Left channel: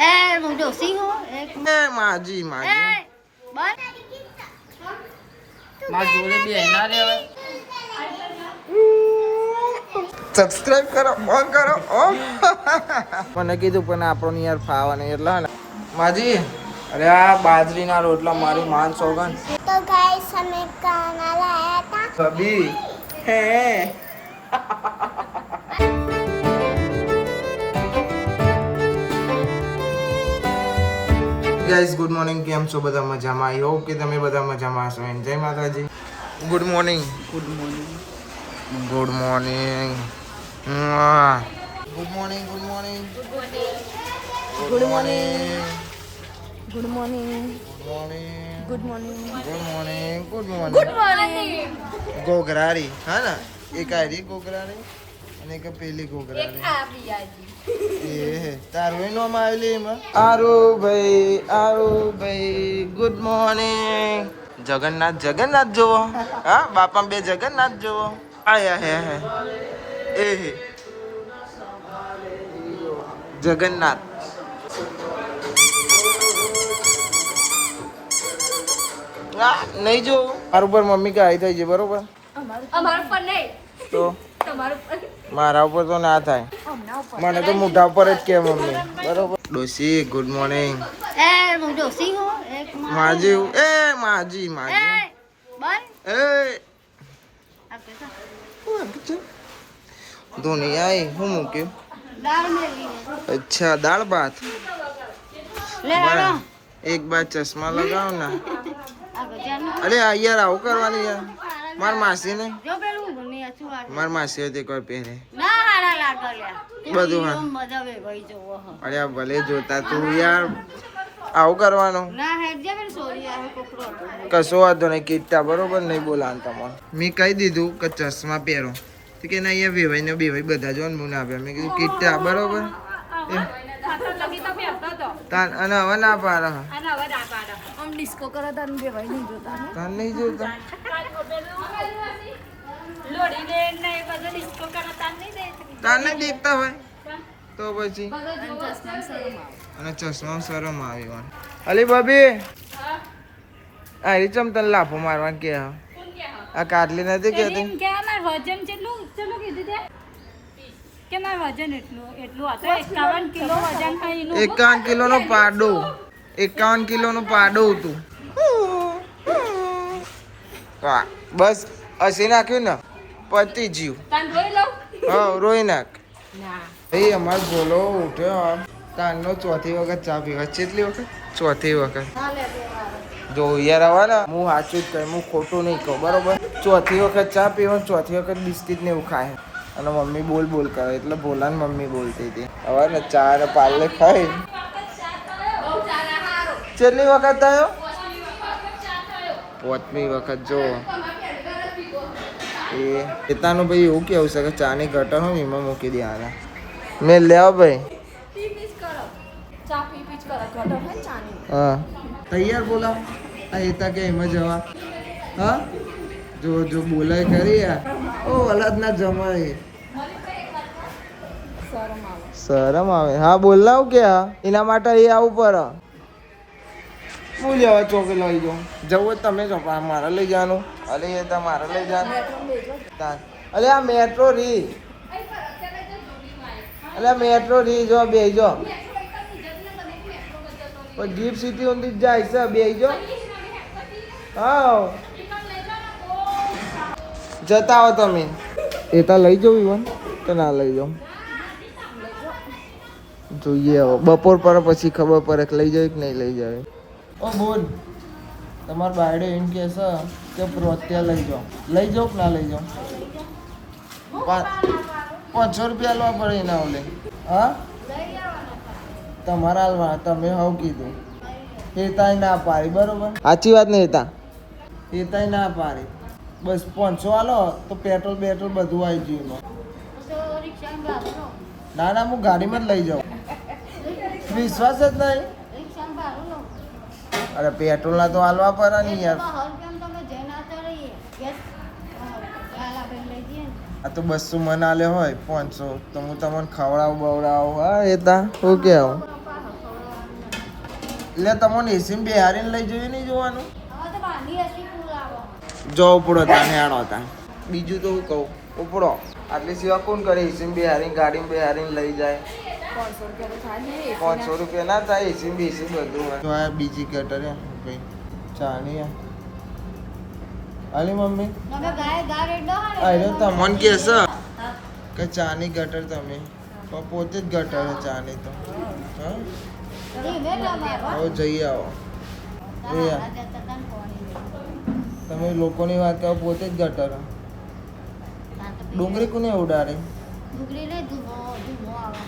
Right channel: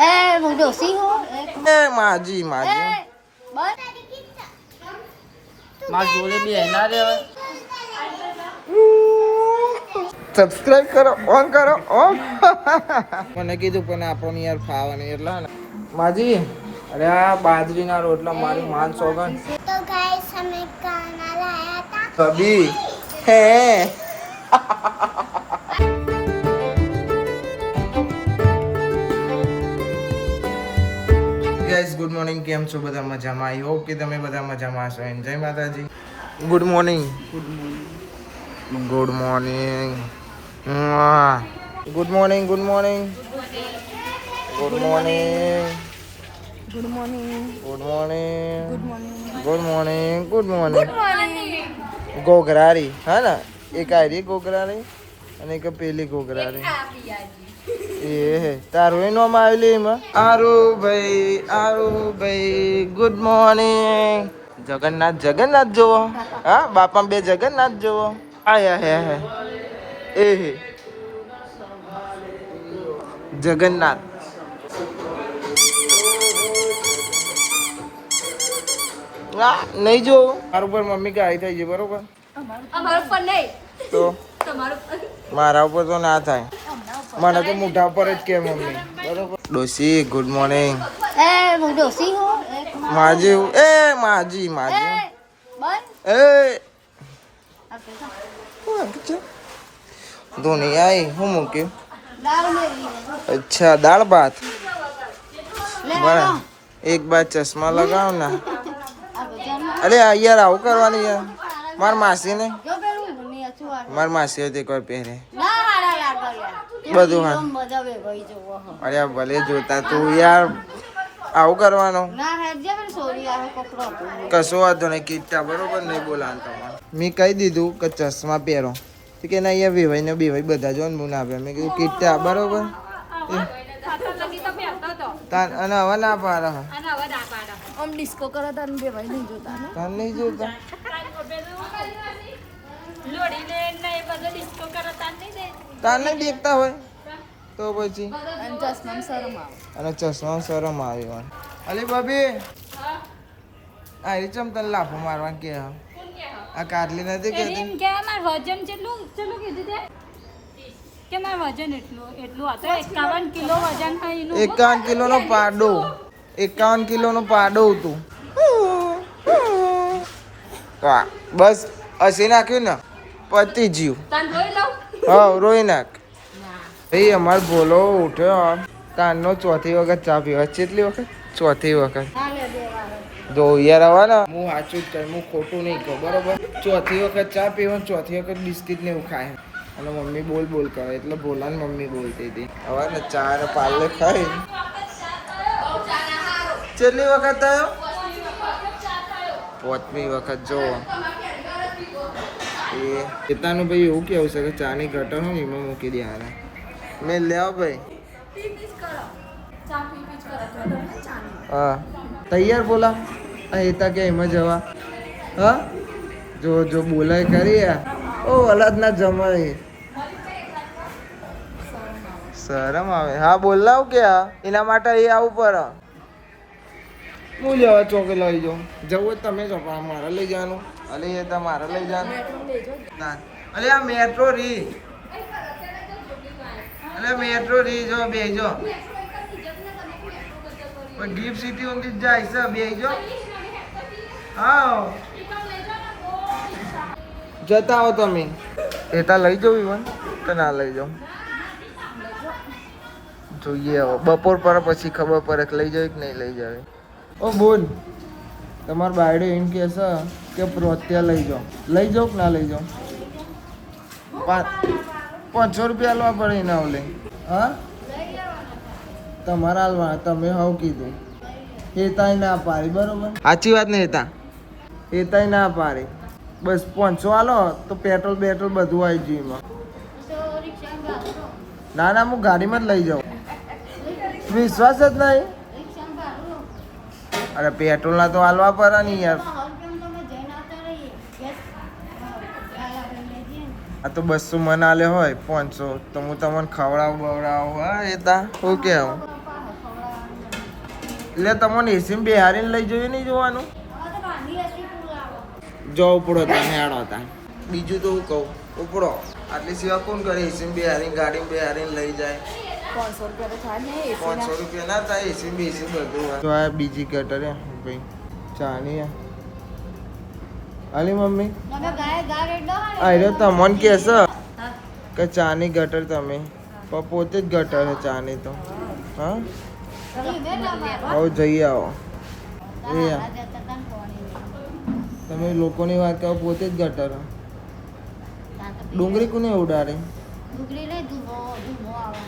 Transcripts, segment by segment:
એ હું ડોસી હું એ માજી માજી બસ માર જોડે બે ના રે સબસ્ક્રાઇબ કરો ઓન કરો ઓન મને કીધું પણ આપણને યાર ફાવવાનું એટલે ને માજી અરે આ બાજરીના રોટલા મારી માન સોગન તો ગાઈસ અમે ખાના લાયા હતા કબી હે ગાઈસ ગુડ મોર્નિંગ કેમ છો બધા મજામાં આઈ હોપ કે તમે બધા મજામાં હશો જય માતાજી good morning good morning good morning good morning good morning good morning good morning good morning good morning good morning good good morning morning ગોગરારી હા ને એક આયરી ગોગરારી અને એક પેલી ગોગરારી એ તારું એ નામ આવેલી એમાં આરુભાઈ ગુડ મોર્નિંગ જગન્નાથ જગન્નાથ જોવો હા બાપા બે જગન્નાથ જોવો આયા હે એ હે જગન્નાથ નહીં જો મારું પર મમ્મી કે આવી થઈ છે બરોબર અમારું પર નહીં તો તમારું પર મારા ઉપર તો ના થાય મને તો મોઢા ઉપર જ કે મમ્મી બરોબર ડોસી ગુડ મોર્નિંગ એ હું ડોસી હું માજી માજી માજી બસ ધોની આઈ હું મૂક્યું દાળ મેલી અચ્છા દાળ ભાત લે બરાબર એક બાર ચશ્મા લગાવ ને આ બજારમાં અરે આ યાર આવું કરવાનું યાર માર માસી ને જો પેલું મને અચુઆ માર માસી હતી કોઈ પહેરે ના હારા લાગલ્યા બધું હારું. મજા વે ભાઈ જોવો હો અરે ભલે જોતા તું યાર આવું કરવાનું ના હેડ જે પેલી સોરી આ કપડો કશો વાંધો નહીં કીધા બરોબર નહીં બોલાવાનું તમારે મેં કહી દીધું કે ચશ્મા પહેરો તો કે ના અહીંયા વેવાઈ ને બેવાઈ બધા જો ને હું ના આપ્યા મેં કીધું કીધા બરોબર અને હવે ના પાડે આમ ડિસ્કો કરે તને બે ભાઈ નહીં જોતા ને તાન નહીં જોતા તાન નહીં દેખતા હોય તો પછી ચશ્મા શરમ આવે અને ચશ્મા શરમ આવી હોય અલી ભાભી આ રીચમ તને લાફો મારવા કે આ કાટલી નથી કેતી કે અમાર વજન કેટલું કીધું તે કે માર વજન એટલું હતું 51 કિલો વજન થાય એનું 51 કિલોનો પાડો 51 કિલોનો પાડો હતું તો બસ હસી નાખ્યું ને પતી જીવ તન રોઈ લઉં હા રોઈ નાખ ના ભાઈ અમાર ભોલો ઉઠ્યો કાનનો ચોથી વખત ચા પીવા કેટલી વખત ચોથી વખત જો યાર હવે ને હું સાચું જ કહું હું ખોટું નહીં કહું બરોબર ચોથી વખત ચા પીવા ચોથી વખત બિસ્કિટ ને એવું ખાય અને મમ્મી બોલ કરે એટલે ભોલાને મમ્મી બોલતી હતી હવે ને ચા ને પાર્લે ખાઈ કેટલી વખત થયો પાંચમી વખત જો એ પિતાનું ભાઈ એવું કેવું છે કે ચાની ગટર હોય ને એમાં મૂકી દે આને મેં લેવા ભાઈ હા તૈયાર બોલા આ એતા કે એમાં જવા હા જો બોલાય ખરી ઓ અલગ ના જમાય શરમ આવે હા બોલાવ કે એના માટે એ આવું પર હું લેવા ચોકે લઈ જાઉં જવું તમે જો મારે લઈ જવાનું અરે એ તમારે લઈ જવાનું અરે આ મેટ્રો રી અરે મેટ્રો રી જો બેજો પણ ગિફ્ટ સિટી ઊંધી જાય છે બેજો હા જતા આવો તમે એતા લઈ જાવ ઈવન કે ના લઈ જાવ જોઈએ હવે બપોર પર પછી ખબર પડે કે લઈ જાવ કે નહીં લઈ જાવ ઓ બોલ તમાર બાયડે એમ કે છે કે પ્રોત્યા લઈ જાઓ કે ના લઈ જાઓ 500 રૂપિયા લેવા પડે એના ઓલે હા તમારા હાલવા તમે હાવ કીધું એતાય ના પાડી બરોબર સાચી વાત ને એતાય ના પાડી બસ 500 આલો તો પેટ્રોલ બધું આવી ગયું એમાં ના હું ગાડીમાં જ લઈ જાઉં વિશ્વાસ જ નહીં અરે પેટ્રોલ ના તો હાલવા પડે ને યાર આ તો 200 મને આલે હોય 500 તો હું તમને ખવડાવું બવડાવું હા એ તા શું કેવું એટલે તમને એસીમાં બેહારીને લઈ જઈએ નહીં જોવાનું હવે તો બાંધી હતી પૂર આવો. જો ઉપડો તાને હેડો તા બીજું તો હું કહું ઉપડો આટલી સેવા કોણ કરે એસીમાં બેહારીને ગાડીમાં બેહારીને લઈ જાય 500 રૂપિયા તો થાય ને AC ના. 500 રૂપિયા ના થાય એસી બેસી બધું હોય. તો આ બીજી ગટર હે ભાઈ ચાની હે અલી મમ્મી તમે ગાય ગા રેડો ને અરે તમને કે છે કે ચાની ગટર તમે પણ પોતે જ ગટર હે ચાની તો હા આવો જઈ આવો એ તમે લોકોની વાત કરો પોતે જ ગટર હે. ડુંગળી કોને ઉડાડે ડુંગળી ને ધુમો આવે.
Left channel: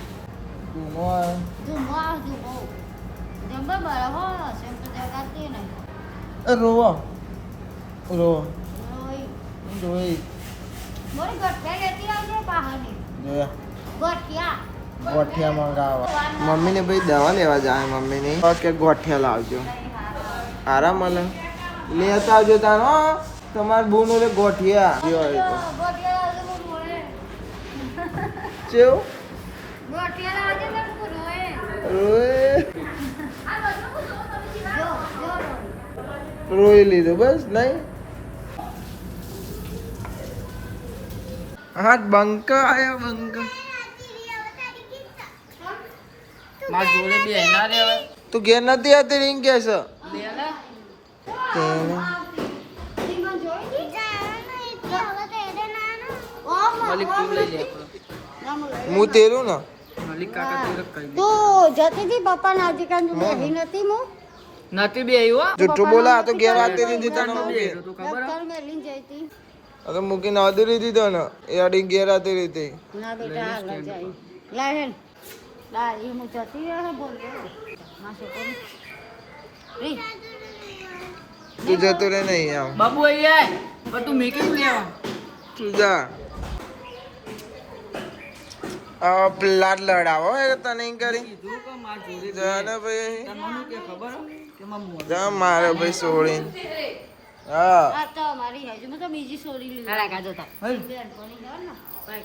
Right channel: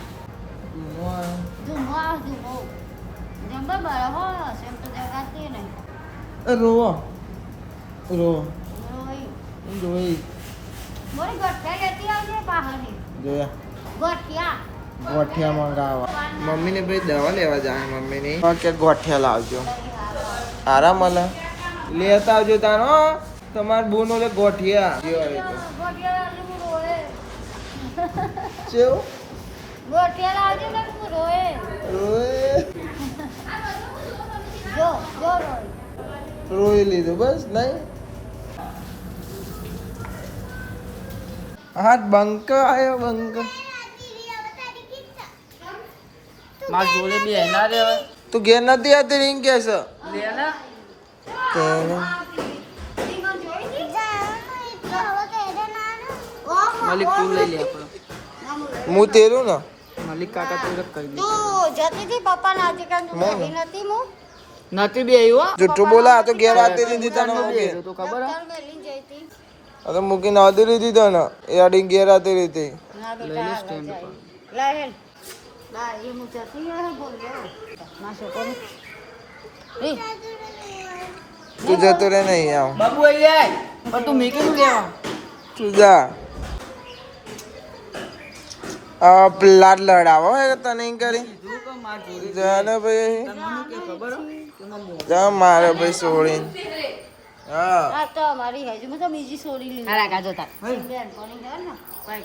ધૂમો આવે ધુમો આવે ધુમો. જંબર બરાબર સેમ તો જગાતી નહીં. એ રોવો રોવો રોઈ. જોઈ મોરી ગઠિયા લેતી આવજે બહારની. જોયા ગઠિયા. ગોઠિયા મંગાવવા મમ્મીને ભાઈ દવા લેવા જાય મમ્મીની કે ગોઠિયા લાવજો આરામ મળે લેતા આવજો તારો તમાર બોનો લે ગોઠિયા ગઠિયા લાવજે હું રોએ. ચેવ ગઠિયા લાવજે ને હું રોએ. ઓય જો રોઈ. રોઈ લીધું બસ નહીં હા બંક આયો બંક માર જોડે બે ના રે હવે તું ઘેર નથી આવતી રીંગ કે છે લે ને તેને મલિક તું લઈ લે હું તેરું ને મલિક કાકા તું કહી દે તું જતી હતી પપ્પા ના હતી કે મોં હું નથી હું નથી બે આવ્યો જુઠ્ઠું બોલા આ તો ઘેર આવતી નથી તને મૂકી તો ખબર હે મેલીને જઈ હતી. આ તો મૂકીને આવતી રહી તને એ આડી ઘેર આવતી રહી ના લઈ લે બેટા સ્ટેન્ડ જાય. ઉપર લાય હેલ. લાય એ હું જતી રહે બોલ્યો. ના છોકરી. એ તું જતો રે નહીં આવ બાબુ આય પણ તું મેકી નું લેવા તું જા પ્લાટ લડાવો હે તને એમ કરી કીધું કે માર જોડે જા ને ભાઈ તને મને કે ખબર હે કે માર મોં જા મારે ભાઈ છોડીને હા આ તો અમારી હજુ હું તો બીજી છોડી લીધી. તારા કાજો તા બેન કોની દે ને કાઈ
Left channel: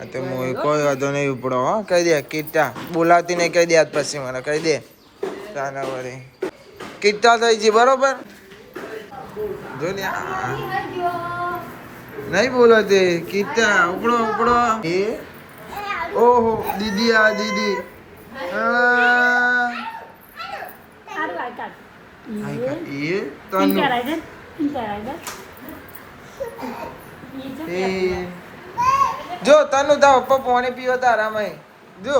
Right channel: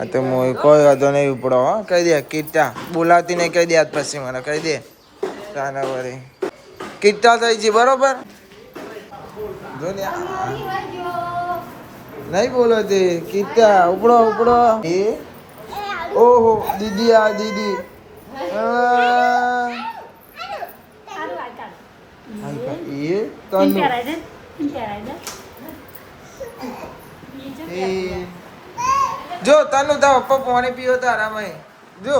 આ તો મોય કોઈ વાંધો નહીં ઉપડો હો કહી દે કીટા બોલાવતી નહીં કહી દે આજ પછી મને કહી દે તાના વળી કીટા થઈ છે બરોબર જો ને આ. નહીં બોલો તે કીટા ઉપડો ઉપડો એ ઓહો દીદી આ દીદી એ તનું એ જો તનું તા પપ્પા પાણી પીવો તારામાં જો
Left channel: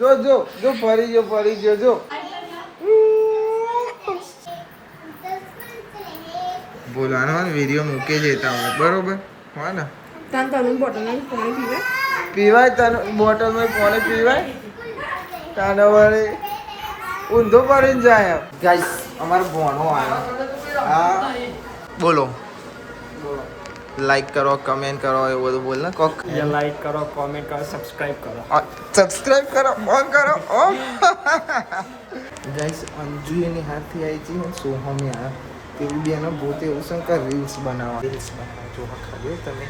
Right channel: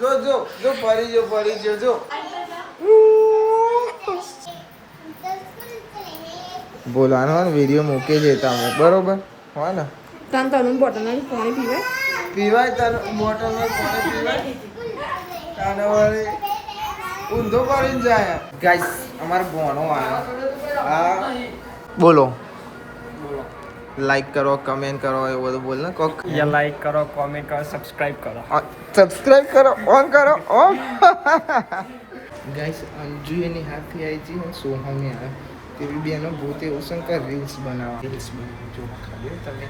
જો જો જો ફરી ગયો જો બોલાનો વિડીયો મૂકે છે તમે બરોબર હા ને તન તન બોટલમાં પાણી પીવે. પીવાય તને બોટલમાં પાણી પીવાય તાને વળી ઊંધો પડીને જાય ગાઈસ અમારો ભણો આવ્યો હા બોલો બોલો લાઈક કરો કમેન્ટ કરો એવું બધું બોલ ને કોક या लाइक करो कमेंट करो सब्सक्राइब करो સબસ્ક્રાઇબ કરો ઓન કરો ઓન ગાઈસ અંજુ એની હાથથી આવી છે સોહમે આ તેવી બેનો પોતે એવું શંકર રીલ્સ બનાવવા જોવા ખાલી તમે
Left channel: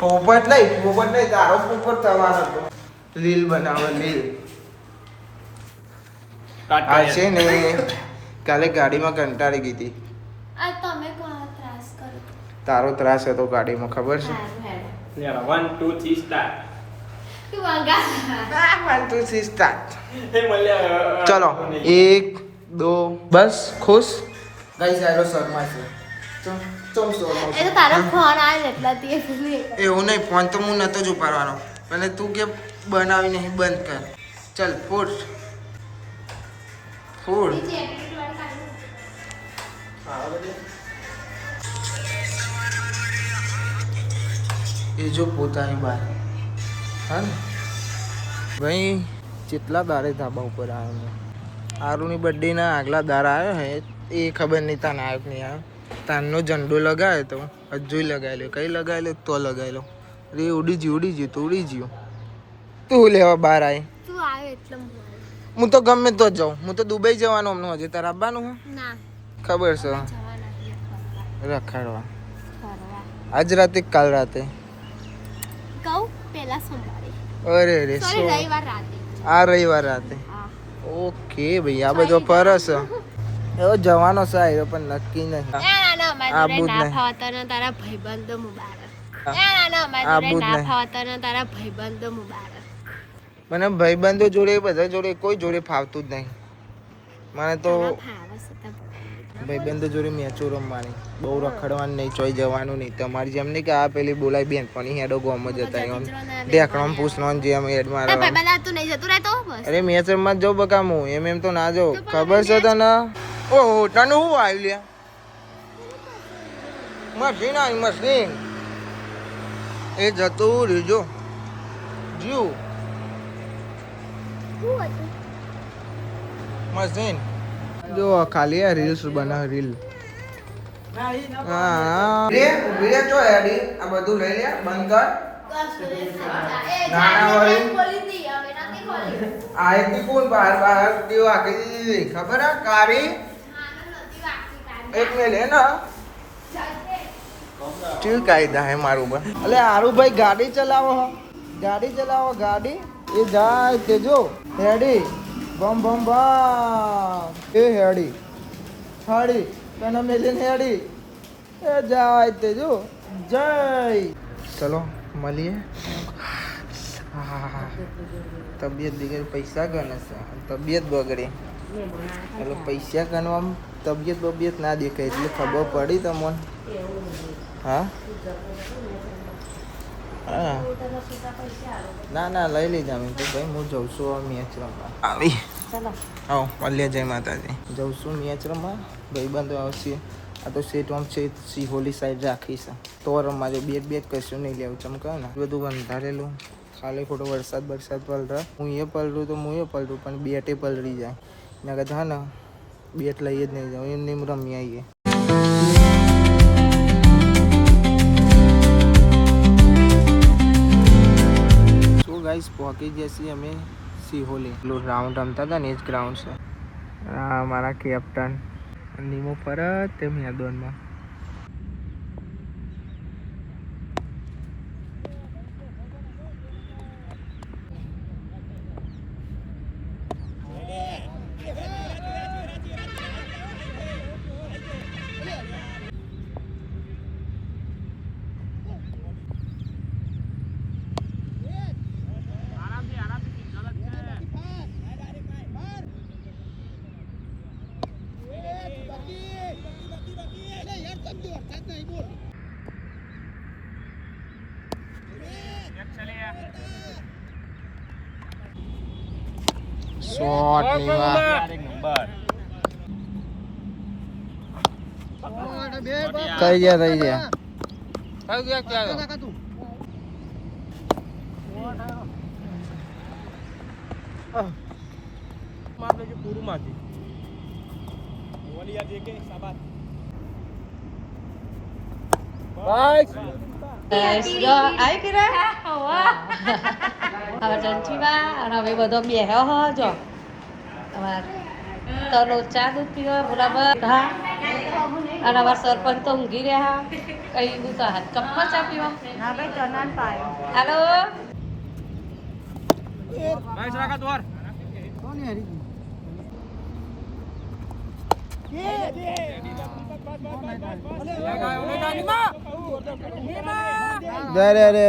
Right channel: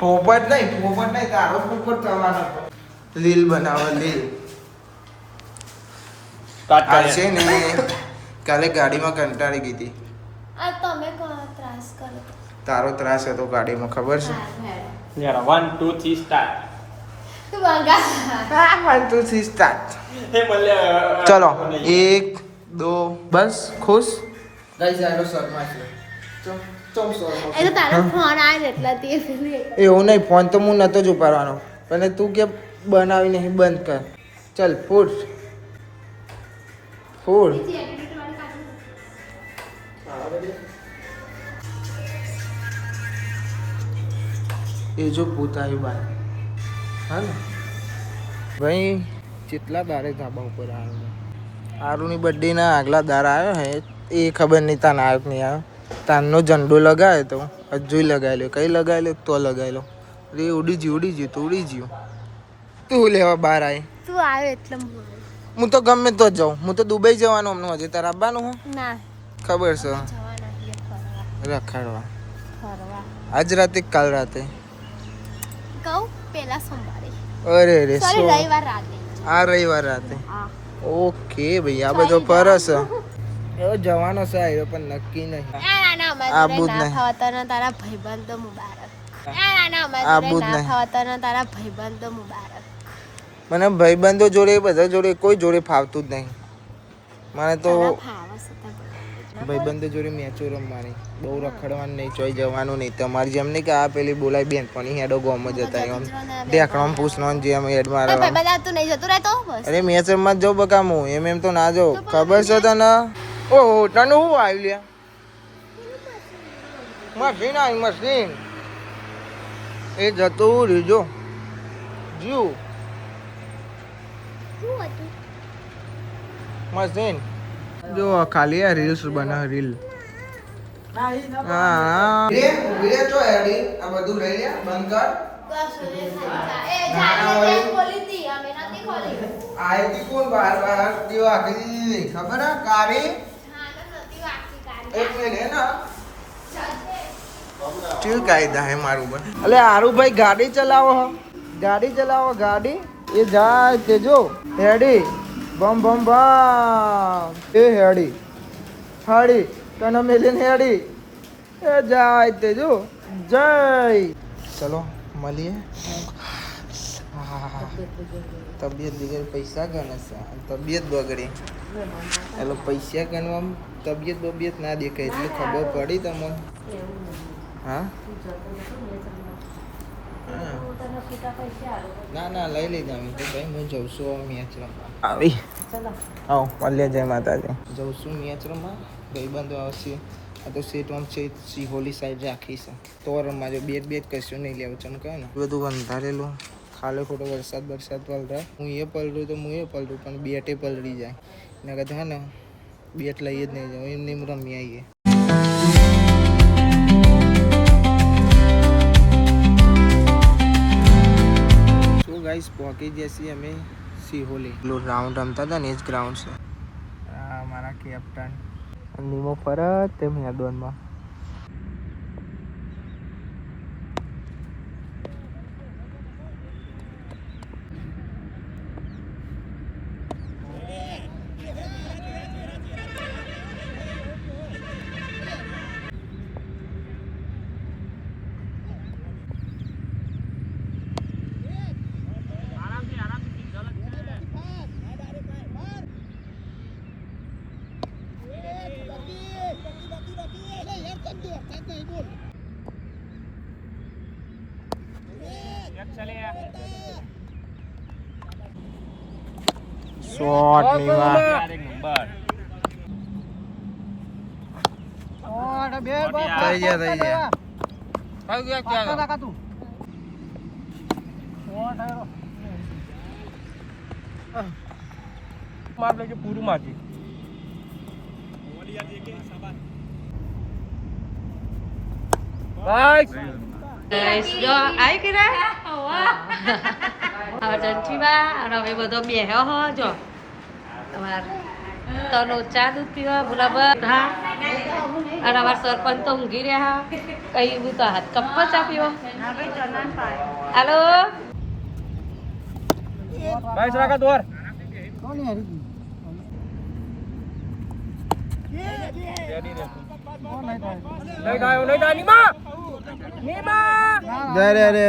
પોપટ નહીં તારો પોપટ થવાનો હતો લીલ બનાવે લીલ આ છે ને કાલે ગાડીમાં કંટાળી ગઈ હતી આ તમે કોણ ત્રાસ કરો. તારો ત્રાસ હતો ગાડીમાં ખબર છે Yeah, 1 2 3 start તું વાંગા. 1 2 3 સ્ટાર્ટ हे मले ચલો 1 2 બસ ખુશ ગાઈસ આલો શર્મા છે ચમ શર્મા એ તો તારા ફોન આવે એટલા તે એવું નહીં ફોન તો હું નતો જ ઉપાડવાનો પણ તું કે બનાવી નહીં બંધ કર ચલ ફૂડ એ જો પોતાની બાર હા ને ભાઈ કેટલા દાડે ધાબા ઉપર આવ્યો આરુની બર્થડેના આગલા દાડા આવ્યો હે એ ખબર નહીં તાન આવ્યો કે નહીં આવ્યો તાનનો ઝંડો લગાવ્યો તો હજુ લગાવેલો કઈ લગાવેલો તો લગાવેલો રે ઉડી ગયું તો ઉડી ગયું તું લેવા બહાર આવી તું આવે એટલે હું તો ગમે તો જ જાઉં હું તો દુબઈ જવાનું હમણાં હજી તારે આવવાનું હું ના ખબર છે જવાના રખાડવા ફરવા આજ રાતે કાલ રાતે કહું પેલા સોમવારે અરે રે સોરી રવિવાર રાતે આ રવિવાર રાતે હા ઓકે ભાઈ આ બધો ફરસ એવો જવાનો છે આવ્યો પણ નક્કી નહીં આબુ જ નહીં તારા ભાઈબંધ મુબારક આબુ જ નહીં તારા ભાઈબંધ મુબારક મને ભાઈબંધો જોડે બધા જોડે કોઈ જોડે ફાવતું જ નહીં મને તો ભાઈબંધો જોડે મેચો રમવાની બહુ રખડવાનું નહીં ચોઈ જવાનું નહીં તમારી જેમ નહીં કે આ પેલી બોલાય બેન પણ હેડો ગોમ જ હતા એમ ઢેકણો પૂછનો જેમ એડ મારે અરે મેચ રમવા જ જાઉં બકા હું એમ તો ના જાઉં ખબર છે તને ઓહો તને શું આવ્યું લ્યા મશીન આવી મશીન એ જતું રીજો જીવ મશીન જો ખાલી આ રીલ્સ બનાવ રીલ હા રે રે તો એડી આ બધું લઈ લે બંધ કર આઈટી કોણ બાર બાર દેવા આખી ખબર હે કારી એક મે લે ના ચીલ કાયદા હે મારું બા અલે આરુ ભાઈ ગાડી ચલાવો ગાડી એ જાય તે જો હેડી બમ બમ બમ એ હેડી હાડી તને મેલીને હેડી એ જાય તે જો જય ચલો મળીએ તબિયત બગડી પૈસા ગણે છે તબિયત બગડી એટલે પૈસા ગણવામાં તબિયત ના દેખાય એટલે ખબર પડી તમને હા હા ના લઈ લઈ જાવ તો ભાઈ હું જઉં છું મેચ રમવા આવી આવો મળીએ જય માતાજી જઉં છું મેચ રમવા ભાઈબંધો આવશે આ તો સેટ આમ છે સિહોલી સાઈડ રાખી છે તો રમવા જો બેટ કશું નહીં લેવું ચમકાય ને બધું બંધારેલું ખાલી ખોટો વરસાદ પલટા હું એ પલટું તો હું એ પલટું પણ બેટે પલટી જાય એના કરતા હા ને બેટ લઈ જ નહીં જાઉં એમને રમી આવીએ ગાઈસ પહોંચી ગયા છીએ અમે સિહોલી પેલું રાઉન્ડ રમતા હતા ને એ જ ગ્રાઉન્ડ છે આ મારા કેપ્ટન નીમો ફરત તે મેદાનમાં શોટ નીવા થઈ ગયા માર લેજે પૂરું મારજી ઓલિયા દે કે સાબાત ગાઈસ જો આઈ કે વાહ હવે જંચીવા અને હવે બધો બેહ્યો હો જો તમાર તનો ચા દૂધ પીવા બરાબર હા અને અમાર સરપંચ તો ઊંઘી રહ્યા કઈ હું તો હાથ કપ્પો ચા પીવો ના ભાઈ ચનાન પાય હાલો ભાઈ સરાકા દોર કોની હરી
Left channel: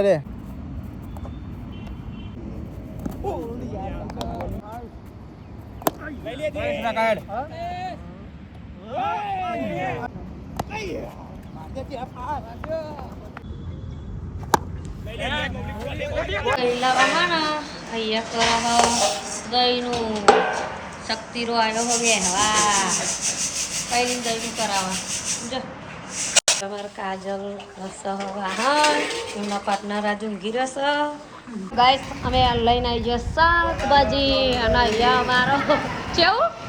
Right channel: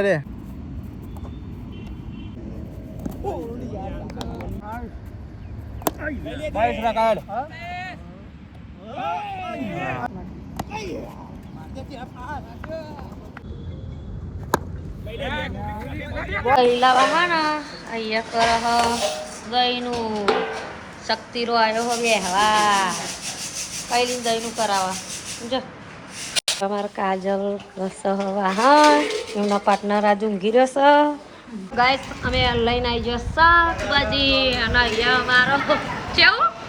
રે પહેલા વાહના અહીંયા કરહ દહીનું શક્તિરો આવ્યો હો બેહવા પહેલી દહીનું કરાવવા સમજો તમારા કાજલ રસવા હા એમના પાર્ટનર આજે ઊંઘી રહેશે ગાઈસ અમે લઈને આવી ગયો શાકભાજી અને અહીંયા અમારો કેવું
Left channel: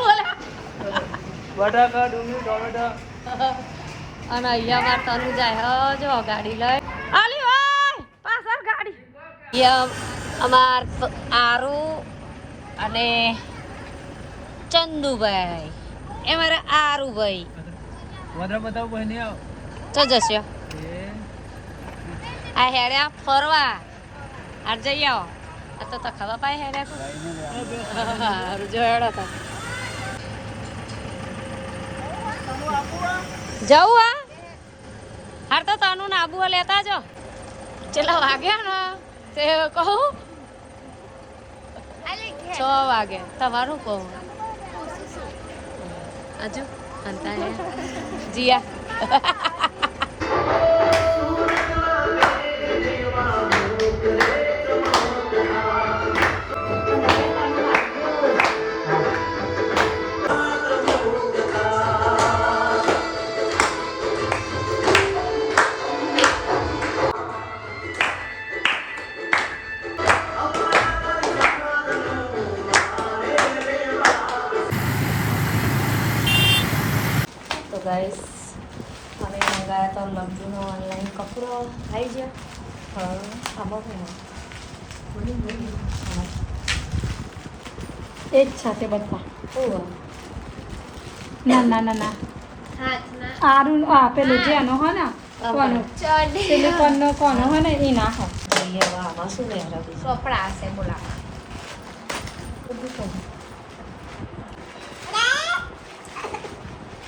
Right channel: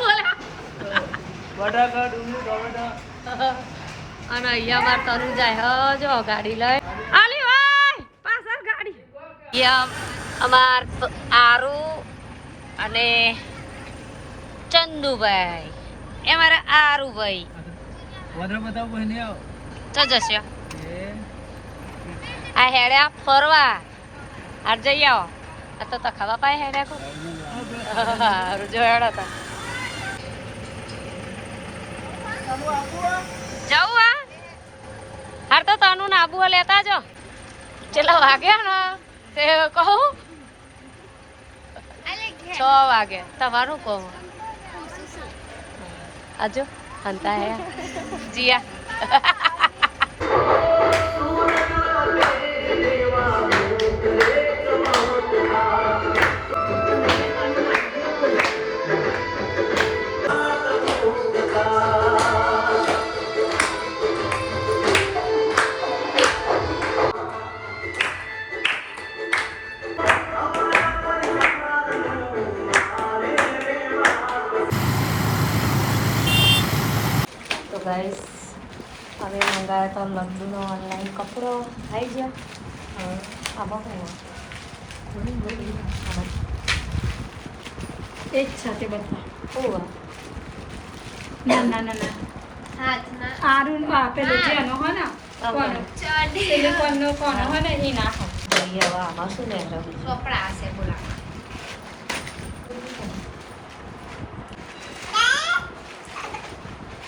બોલા બટાકા ડુંગળી ટોમેટો અને અહીંયા અમાર તનુ જાય જો ગાડી લઈ આલી ભાઈ પાછળ ગાડી અહીંયા અમાર આરુ અને ચંદુભાઈ એ મારા આરુભાઈ વધારે બતાવ બહેને આવ તો જશે આ હેડ્યા ફરવા હાર જઈ આવો આ તો ખાવા પાય હે રાખો હારું જોડો તો જવું આ હાર તો તનું ને આબુ લેતા જો ચેલા વાગ્યા ને તે કહું 6 વાગે તમારું કહું આજુ હંતા હે જીયા તો ગાઈસ હવે મંગાવ્યા તો લગ્નનો ઓનલાઈન કપડો આવી ગયો આમાં શું એ જ સાથે બધા ઓહ ના ના ના ના સારું પેલું જે એનો હોય ને કોનો તેને કોનો હોય ને એ ના હોય હવે આમાં શું ને કપડા હશે બોલા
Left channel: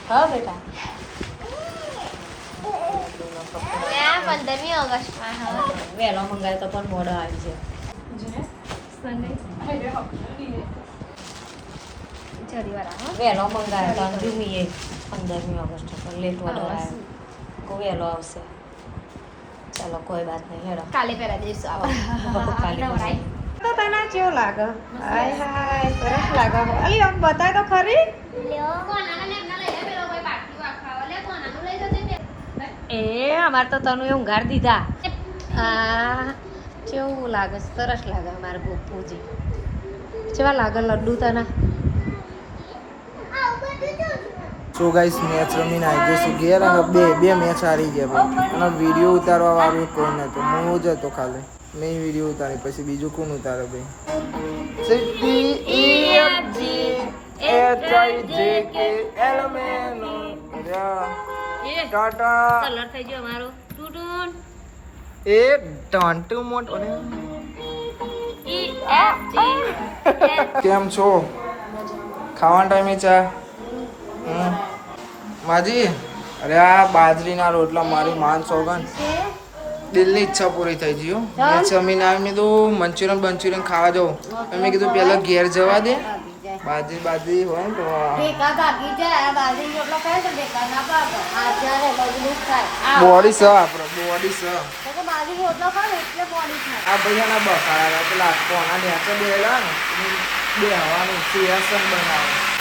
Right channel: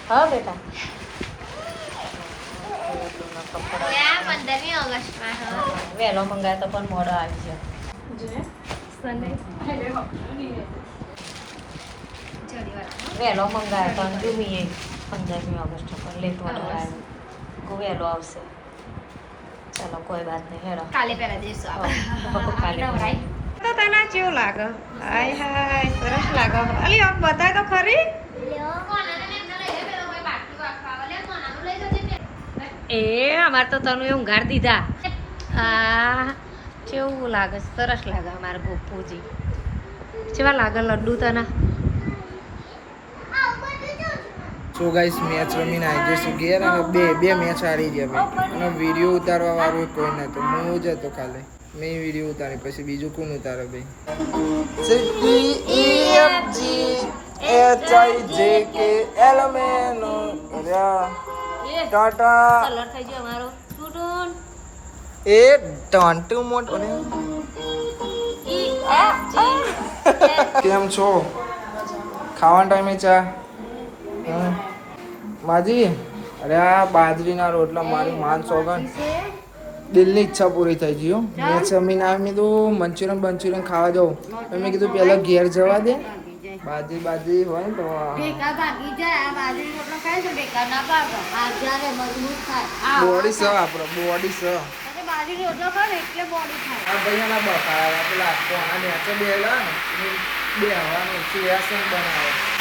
હા બેટા વહેલો મંગાવ્યો તો પણ મોડો આવી ગયો વહેલો મંગાવ્યો તો અને જુમીએ 15મી ઓગસ્ટ પણ લેટ ઓર્ડર આવ્યો કોઈ વહેલો આવશે ચાલો કોઈ વાત નહીં હેરો કાલે પહેલા દઈશું કાલે તો તને કેવું લાગે હાય હાય સરસ લાગે અલી આમ બતાય તો ખરી એ અમારે તો તને ઊંઘાર દીધા આ કેવું લાગે સરસ લાગે અમારે ગોપુજી કેવા લાગે લડ્ડુ તને સો ગાઈસ મેચ રમીને આવી જઈશું ઘેર અને બે મેચ હારી ગયા ભાઈ અને વિડીયો ઉતારવા વાળું કોઈ નહોતું હું જ હતો ખાલી મેં વિડીયો ઉતારી પછી બીજું કોણ ઉતારે ભાઈ ટાટા કલર થઈ ગયો અમારો ટૂટુન એ ટોન્ટુ મોટ કેમ છો ખાવાના ટાઈમે ચા માજી અરે આ બાજરીના રોટલા મારી માન સોગન દિલની ઈચ્છા પૂરી થઈ ગઈ મેં જમીન આવી મેં કીધું મંચુરિયન ખાવા જાઉં મેં કીધું પહેલાં ઘેર જવા દે બાજરી હોય ને તો બેકાર ભાગી જાય બાજરી રોટલો ખાય તો બેકાર ના ભાગે જ્યારે મજબૂત થાય બોડી સ આપણો બોડી સ તો બાજરી રોટલો ખાય એટલે બોડી થાય આ ભૈયાના બકારા પેલા કોના નેચે બેલા ને બે હવાનું સિંહાસન બનાવે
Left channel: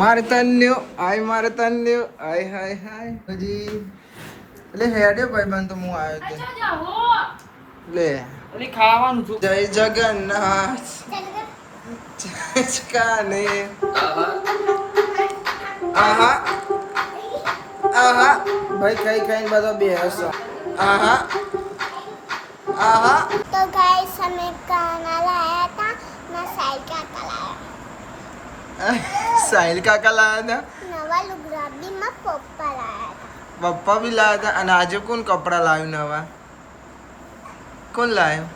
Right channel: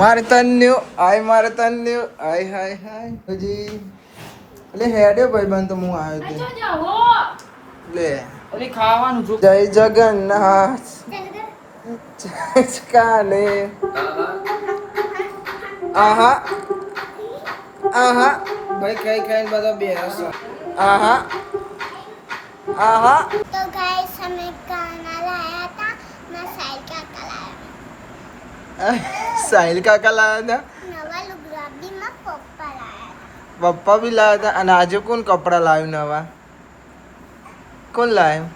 મારે તન્યો આય હાય હાય હજી લે હેડે ભાઈ બંધ તો હું આવ્યો લે અલી ખાવાનું છું જય જગન્નાથ જય કાલે આહા ભાઈ કઈ કઈ બધો બેસો આહા तो गाइस हमें गाना लाया था मैं साइकिल चलाया સાહિલ કાકા લાયા नवा लुगराबी में पप्पा लाया હતા પપ્પા બી લાયા હતા અને આજે કોણ કપડા લાવ્યું નવા કોણ લાવ્યું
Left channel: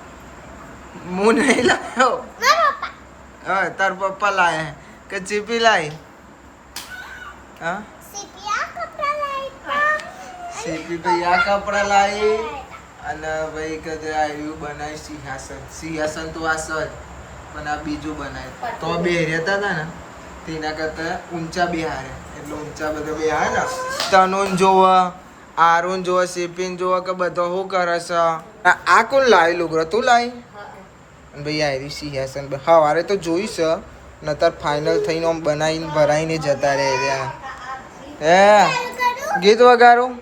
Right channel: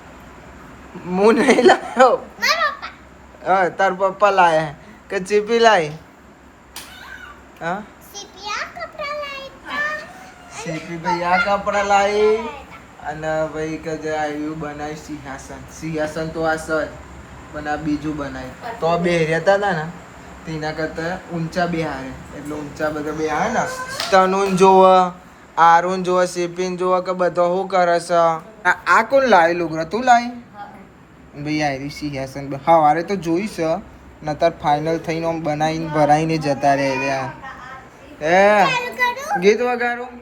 હું નહીં લાવ્યો मेरा पापा હા તાર પપ્પા લાયા કે ચીપી લાવી હા सिपिया कपड़ा लाया था સીપી તો યા કપડા લાવી અને ભાઈ કે જે આવ્યું બનાવી સિંહાસન તો આ સર પણ આ બીજું બનાવ્યું તો બે રહેતા હતા ને તેના કરતા ઊંચા બે આવ્યા એટલે ઊંચા બધા બે આવ્યા ને તનુન જોવા આરુન જોવા સિપિન જોવા કે બધો શું કરે છે આ કોણ લાવી લુગરો તું લાવી ભાઈ આયરી સિંહાસન સવારે તો જોઈ છે નતર ફાઇનલ થઈને આમ બનાવીને ભરાઈને જતા રહે રહ્યા હે ગીત વગાડું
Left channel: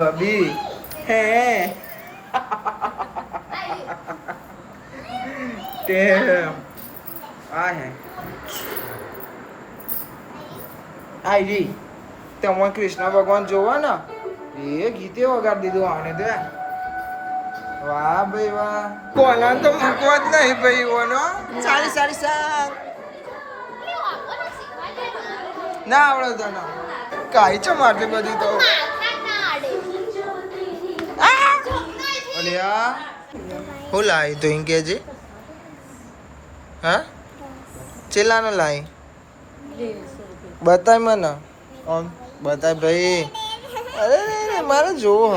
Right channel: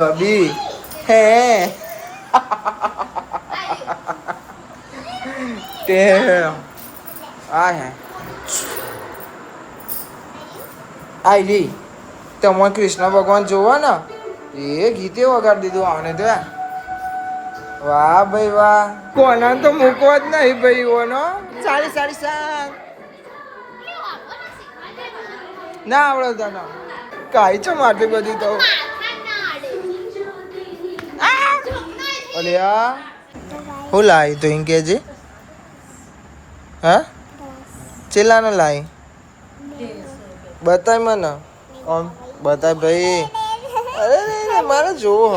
કબી હે તે આ હે આઈ તમે કૃષ્ણ ભગવાન જોવા ને એ ગીતે વગાડી દીધું આવને તો વાહ ભાઈ વાહ કોના તો મૂકવા જ નહીં ભાઈ ઓનો સારી સારી સાંગ ના આવડે તને કાઈ છો મારતી બધી તો અલ્યા હું લાવી તો એમ કેજે હા ચેલાને લાવી બતાય મને કોણ બતાય ભાઈ અરે મારે જોવો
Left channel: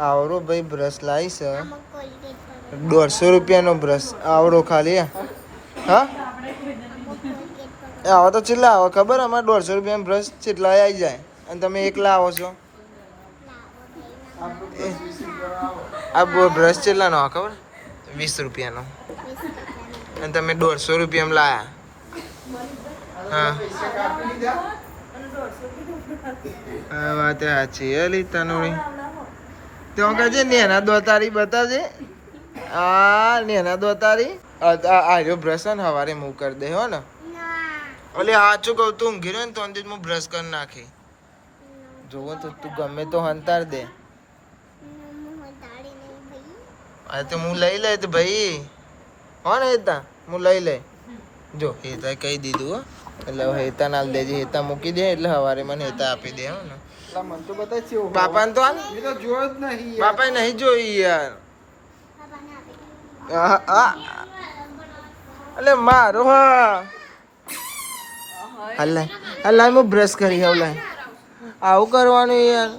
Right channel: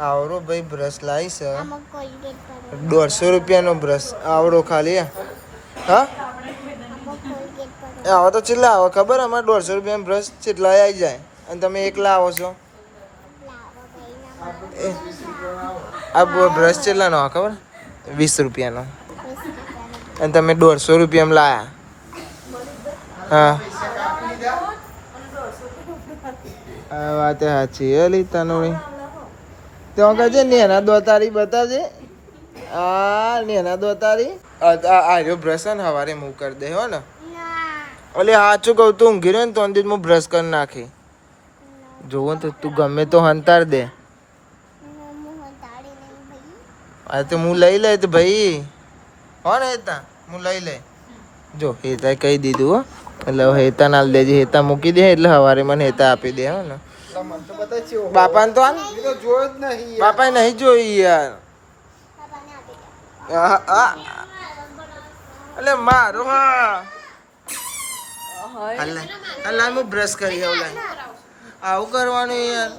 આવડો ભાઈ બ્રશ લાવી છે આમાં કોલગેટ પર 150 રૂપિયાનો બ્રશ આવડો ખાલી હા કોલગેટ પર એ આવો તો કેટલા આવે ખબર અમારે 150 રૂપિયાનો બ્રશ કેટલા આવી જાય અને તમે એકલા આવો છો એ, આ બ્રશ કેટલાનો આવે ખબર 20 રૂપિયાનો અને તમે 150 રૂપિયામાં લાયા હા આ વાત સાચી એલી તનુડી તો કહેજે નેના દોતારી બતાવજે આ નેના દોતારી આર્યો બ્રશ ને હવારે મૂવ કરી દે હો ને ઓલે સાચું કહું તું ઊંઘી રહ્યો ને તો અંદિર હું બ્રશ કરી નાખી જોવો તો તું ગમે તો હંતાર દે આ તો હું લઈ લે તો ભાઈ હો ને હેતા હું લઈ લે જો હેતા કહી દીધું હો એટલે હેતા ના દેજે હેતા મૂકી દે એટલે હવારે મને હેતા આપી દે હો ને બાપાને તો હાલ બાપાએ નહીં જોઈ યાર એટલે મારો હા હલાય હું બ્રશ કરી આવું લાય આવું કરવાનું યાર